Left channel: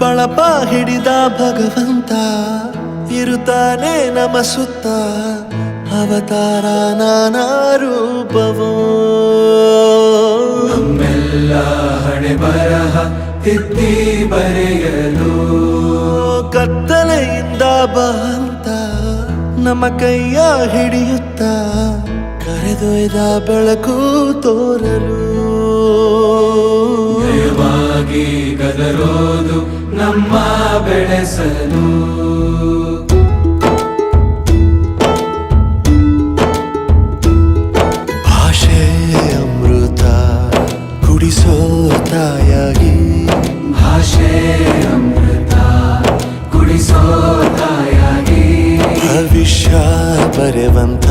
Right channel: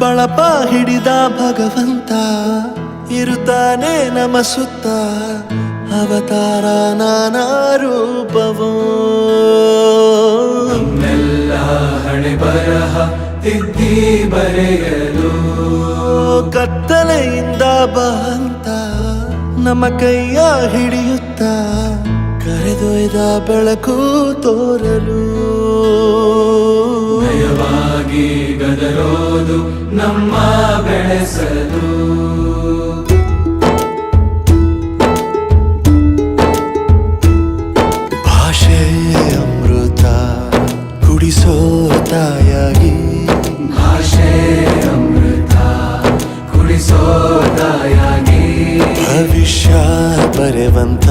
ಬಳಪ ಹಿಡಿದ ಭಗವಂತ ಇರುತ್ತಾನೆ ನಮ ಸುತ್ತ ಅವತಾರ ನಾನಾ ರೂಪವೋ ನಮ್ಮೆಲ್ಲ ಹಣೆ ಬರಹ ತಿದ್ದಿ ಬರೆಯಲು ಕತ್ತಲೆಯಿಂದ ಬಂತ ನಮ್ಮ ಕೈಯ ಹಿಡಿಯುತ್ತ ಕರೆದೊಯ್ದ ಬೆಳಕು ತೋರಲು ನಯವಾಗಿ ಗದರೋದು ನಮ್ಮ ಬೆಳೆಸಲು ಭಾಷೆ ಅಮೃತ ಕುಡಿಸೋ ತಾಯಾಗಿ ಭಾಷೆ ಅಮೃತ ಕುಡಿಸೋ ತಾಯಾಗಿ ಭವಿಷ್ಯ ಬರೆವಂತ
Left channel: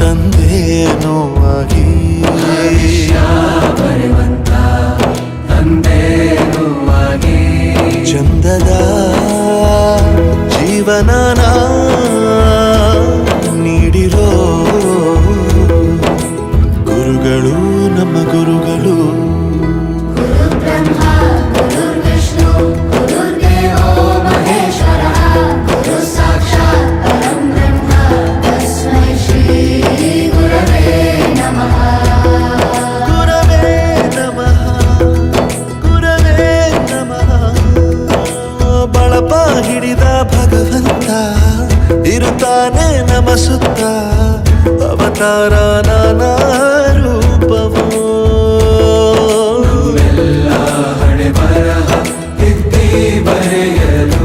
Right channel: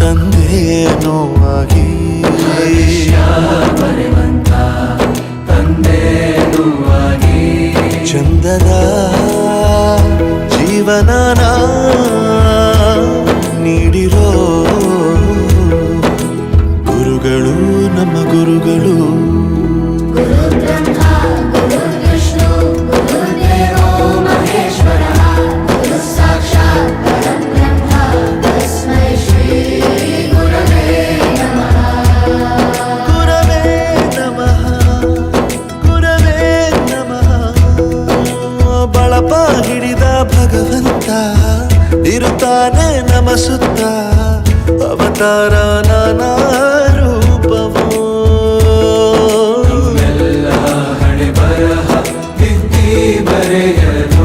ತಂದೇನೋ ಆಗಿ ಬರೆವಂತ ತಂದೇನೂ ಆಗಿ ಚಂದದ ಜೀವನನ ನೀಡಿರೋ ಗುರುಗಳು ನಮ್ಮ ಗುರುಗಳು ಬಳಪ ಹಿಡಿದ ಭಗವಂತ ಇರುತ್ತಾನೆ ನಮ ಸುತ್ತ ಅವತಾರ ನಾನಾ ರೂಪವೋ ಎಲ್ಲ ಹಣೆ ಬರಹ ತಿದ್ದಿ ಬರೆಯಲು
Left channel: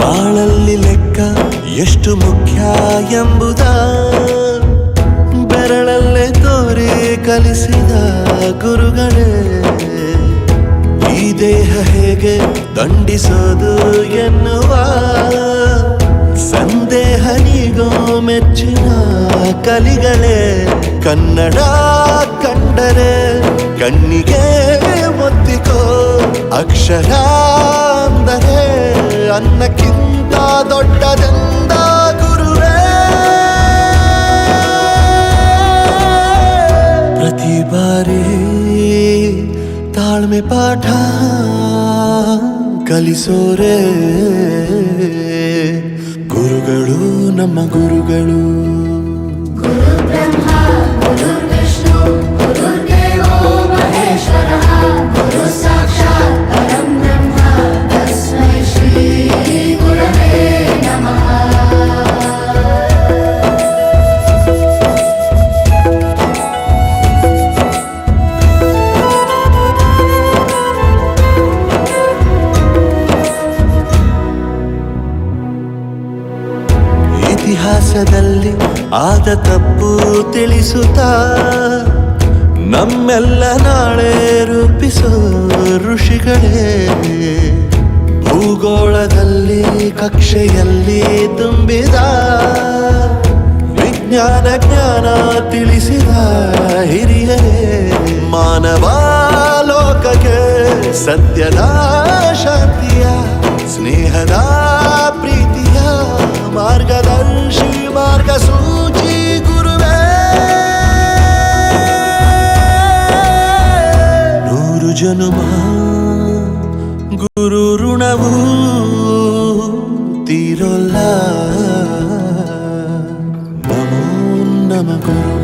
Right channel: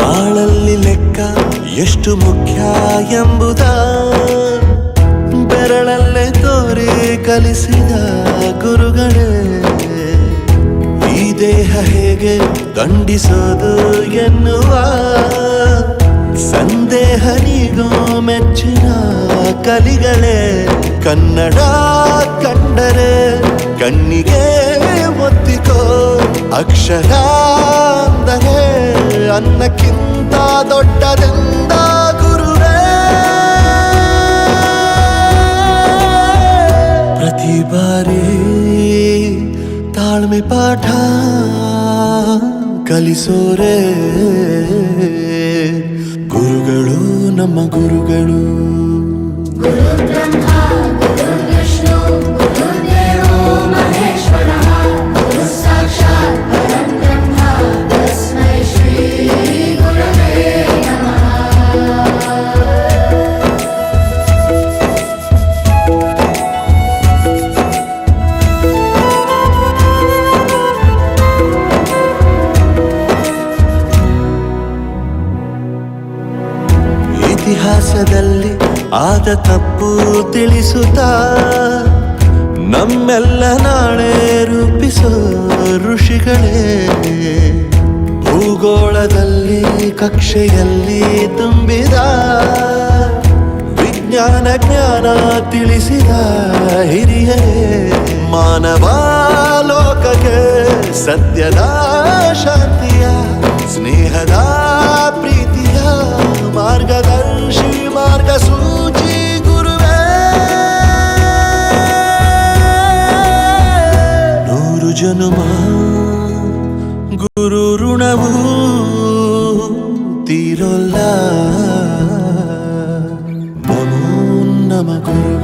ಬಾಳಲ್ಲಿ ಲೆಕ್ಕ ಎಷ್ಟು ಮುಖ್ಯ ಎಂಬುದ ಬೆರಳಲ್ಲೇ ತೋರಿ ಕಲಿಸಿದ ಗುರುಗಳೇ ಈ ದೇಹ ಹೇಗೆ ದಂಡಿಸೋದು ಎನ್ನುವ ಸಂದೇಹ ನೀಗೋ ಮೆಚ್ಚಿನ ಕಲಿಗಳೇ ಕನ್ನಡ ಕಂಡರೆ ಕಣ್ಣಿಗೆ ಒತ್ತಿಕೋ ಅಕ್ಷರ ಅಂದರೆ ಅನ್ನಕ್ಕಿಂತ ದೊಡ್ಡದೆಂದ ಗುರುವೇ ಪ್ರತಿ ಬಾರಿ ತಾಳ್ಮೆ ಪಾಠ ಕಲಿಸೋರೆ ಗುರುಗಳು ನಮ್ಮ ಗುರುಗಳು ಇತಿಹಾಸದಲ್ಲಿ ಆದ ತಪ್ಪು ತಿಳಿಸುತ್ತಾ ನಮ್ಮೆಲ್ಲ ನಾಳೆ ರೂಪಿಸೋ ಋಷಿಗಳೇ ಭೂಗೋಳದಲ್ಲಿ ಕಕ್ಷೆಯಲ್ಲಿ ತುಂಬಿದ ವಿಜ್ಞಾನ ಜ್ಞಾನ ತಿಳಿಸಿದ ಹಿರಿಯರೇ ಮಾನವ ಲೋಕಕ್ಕೆ ಸತ್ಯದ ಶಾಂತಿಯ ಸ್ನೇಹದ ಪ್ರೀತಿಯ ಮಾರ್ಗದರ್ಶಿ ಮಾರ್ಗಸೂಚಿ ಗುರುವೇ ನೂರು ಜನುಮ ಗುರು ಋಣವು ತೀರೋಲ್ಲ ನಮೋ ನಮ ಗುರು